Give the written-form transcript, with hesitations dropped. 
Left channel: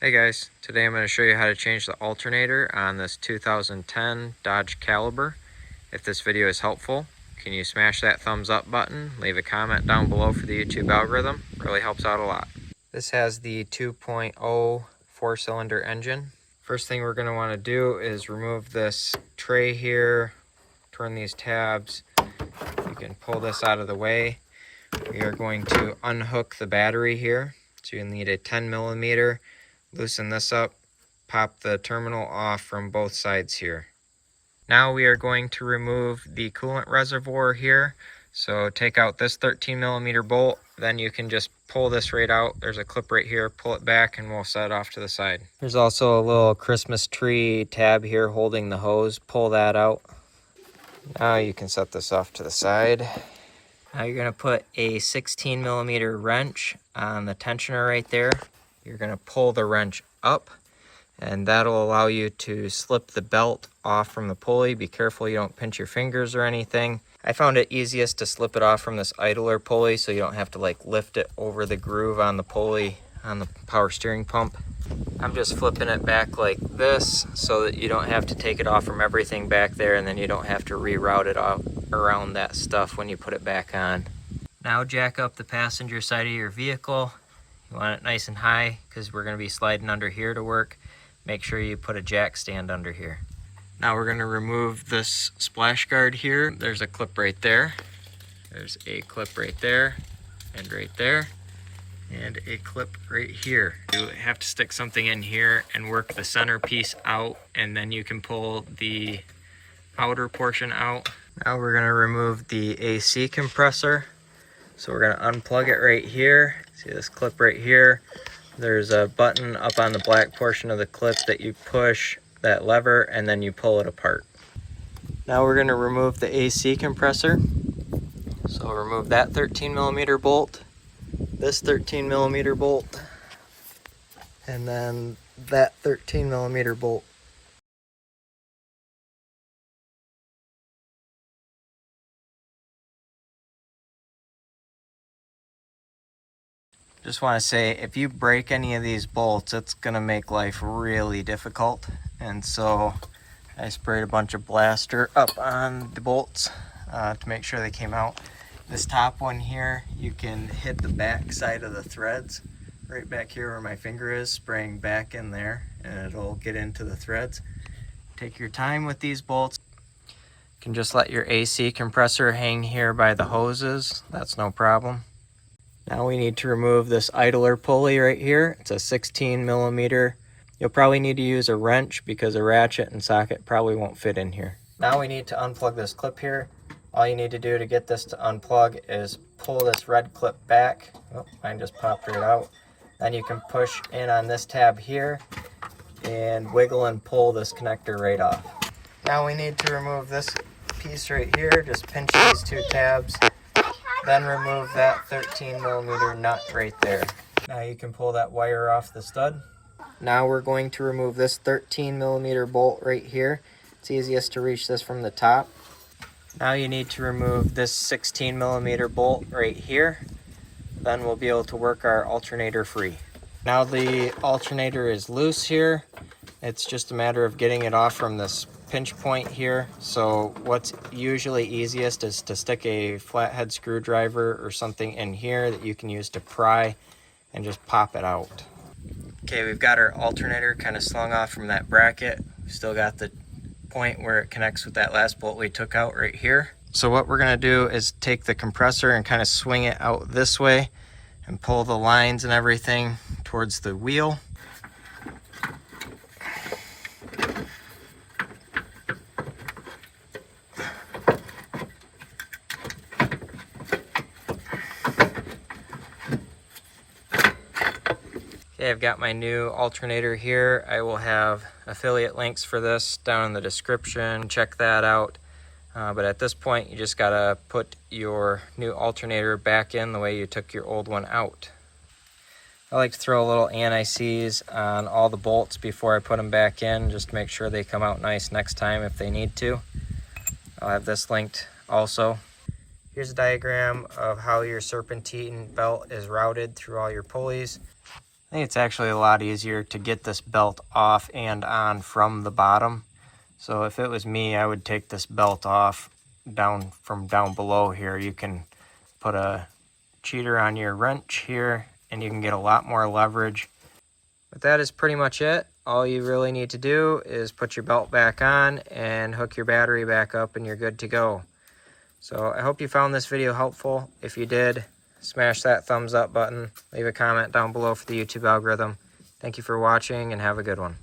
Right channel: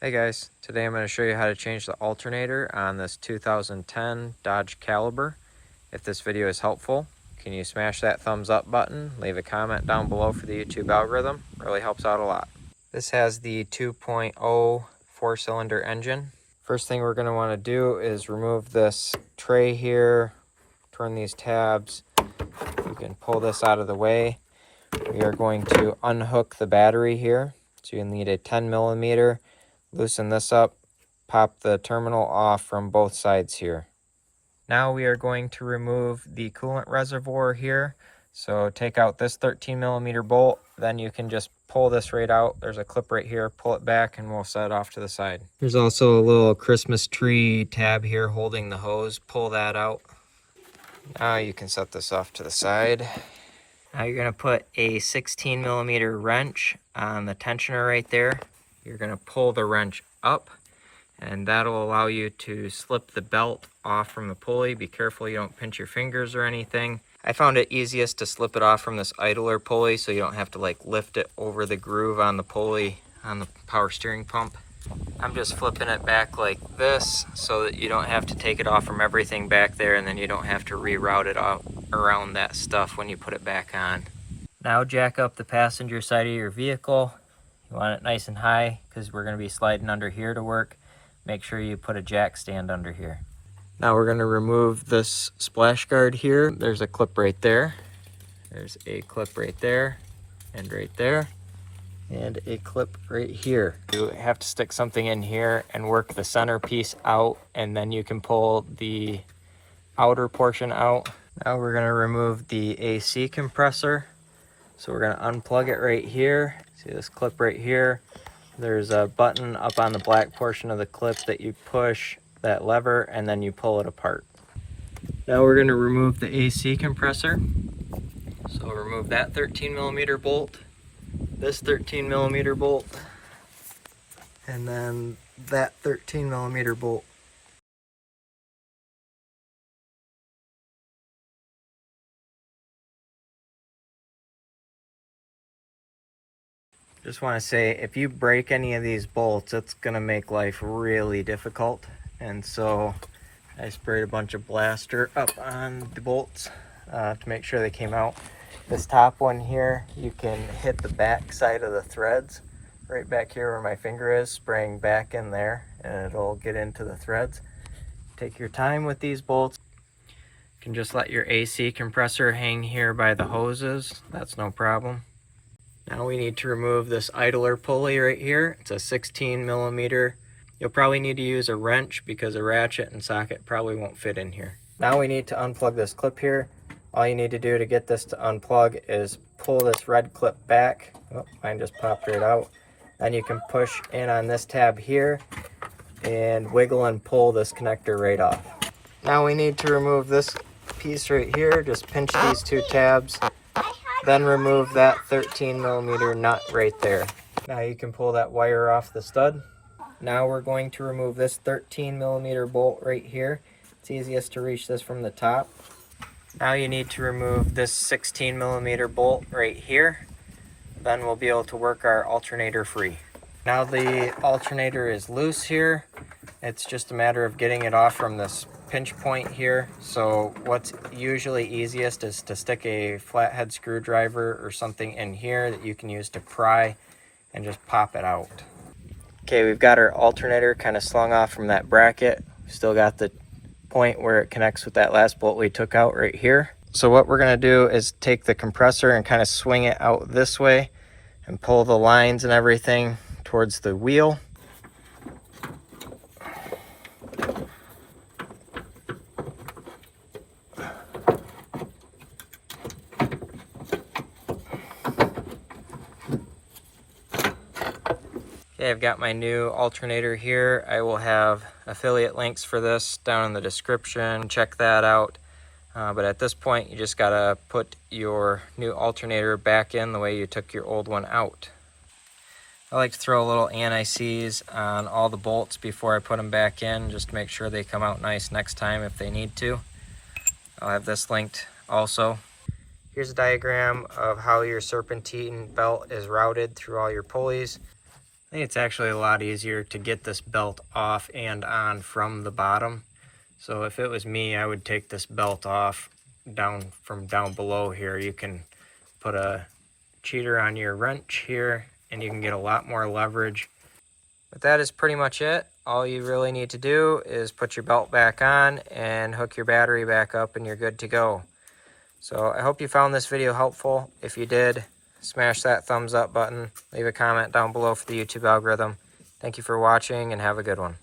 Hey guys, today I'm going to show you how to change the alternator on this 2010 Dodge Caliber. If this video is helpful, can you smash that thumbs up button, leave a comment down below for the YouTube algorithm, really helps out a lot. This has the 2.0 4-cylinder engine. First thing we're going to want to do is remove this tray here, turn these tabs, you can pull this out of the way. We are going to unhook the battery here, so you'll need a 10 millimeter. Loosen this up, pop the terminal off from both sides here. Now we are going to remove the coolant reservoir here. So take out this 13 millimeter bolt, then you can just pull this right out. There's a clip right here, pull it back and we'll set it off to the side. There's also a little Christmas tree tab here holding the hose. Pull that out. Now you can set this off to the side. Now you're going to put a 16 millimeter wrench on the tensioner right there. You're going to pull the wrench up and that'll allow you to slip the belt off from the pulley. Be careful you don't pinch your fingers or anything. I found it easiest to slip it off from this idler pulley so you don't have to like lift it over the groove on the pulley on the power steering pump. I'm just flipping it back like this so that you don't have to take it off from everything back there, and then you don't have to reroute it out around that stuff when you put it back on. Now jack up the passenger side of your vehicle. You want it nice and high because we're going to be sliding under here to work. Make sure you put a jack stand under here. Now we're going to remove this splash guard here. There's a clip right there. There's a clip right there and right there. And a clip right here. You have to stick something in here and work the center piece out, and then you can pull the outer portion out. Now we're going to remove the AC compressor. So we're going to unplug it right here. See this clip right here? There's a button up on the black portion of the clip that you push that lever and then you pull it apart. Now we're going to remove the AC compressor. So we'll remove that 13 millimeter bolt, this 13 millimeter bolt, and then that 13 millimeter bolt. Just want to say, if you break any of these bolts, it's going to make life really difficult. And so I sprayed a bunch of blaster up on the bolts to make sure they came out. This top one here, you can hit the back side of the threads right back here where my finger is, spraying back in there, and it'll get into the threads. Take your time with these bolts. You can just let your AC compressor hang here by the hoses. That's no problem. Now we need to remove this idler pulley right here. It's a 16 millimeter. You'll probably need to use a wrench because a ratchet and socket probably won't fit in here. Now we need to unplug this clip here. All you need to do to get this to unplug is pull this red clip back. Oh, mine just popped right out. Then you can push in on this tab here and wiggle and pull this connector right off. Now we need to remove this piece right here. Just pinch these two tabs. Then remove that 13 millimeter nut right there. Now you can pull that wire off the stud. Now we're going to remove this 13 millimeter bolt right here. It's easiest to reach this from the top. Now you need to remove this 16 millimeter bolt right here. Then we'll be able to work our alternator free. Now the alternator is loose here. It's just a matter of getting it off from this pinch point here. So what's usually easiest is to stick a flathead screwdriver or something in here that you can use to pry and just pop it out. Okay, we've got our alternator kind of slung off from that bracket. Still got the point where it connects with that last bolt we took out right here. So what we're going to do is take the compressor and kind of swing it out this way and pull the lines and everything towards the wheel. Okay, I've got my new alternator here. I will have affiliate links for this down in the description. Check that out. But at this point, you just gotta put your new alternator back in the way you took your old one out. I like to throw a little anti-seize on all the bolts before I put them back in, just to make sure they come out nice next time if they need to. I'll have this linked also. Here's a diagram of how your serpentine belt is routed through all your pulleys. I think it's actually a lot easier to get this belt off and on from the bottom. So if it was me, I would take this belt off from down below here. You can put a cheater on your wrench here and you can get a lot more leverage. But that is pretty much it. All you really need to do is put your belt back on and hook your battery back up and you're good to go. So I hope you found this video helpful. If you did, smash that thumbs up button. Leave a comment down below for the YouTube algorithm. Thank you for watching and have a good one.